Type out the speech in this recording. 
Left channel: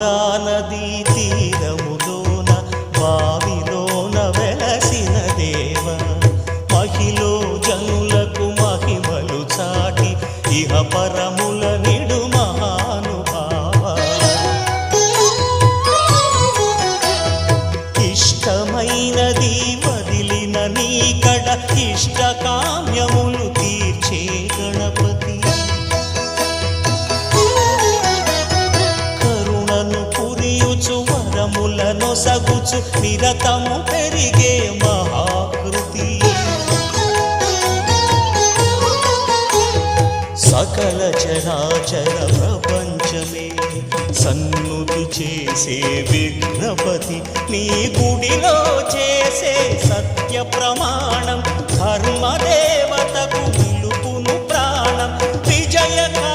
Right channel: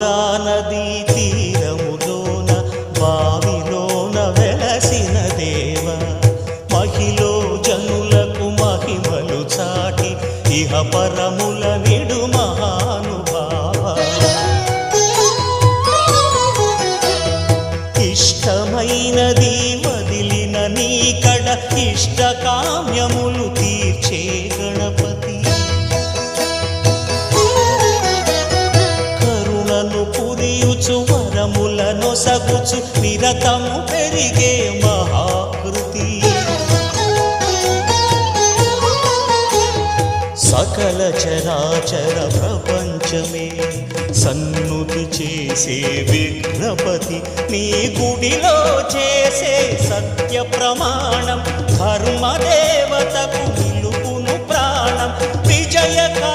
నదీ తీరములోన బావిలోన వెలసిన దేవ మహిలో జనులకు మహిమలు చాటి ఇహ పరముల నిడు మహానుభావ ఇష్టమైనది వదిలిన నీకడ ఇష్టకామ్యములు తీర్చే గణపతి పురియుచు వరములను సగుచు నిరతము పెరిగే మహాకృతి సకల చరాచర ప్రపంచమే సన్నుతి చేసే విఘ్నపతి నీ గుడిలో చేసే సత్య ప్రమాణం ధర్మదేవతకు నిలుపును ప్రాణం విజయకా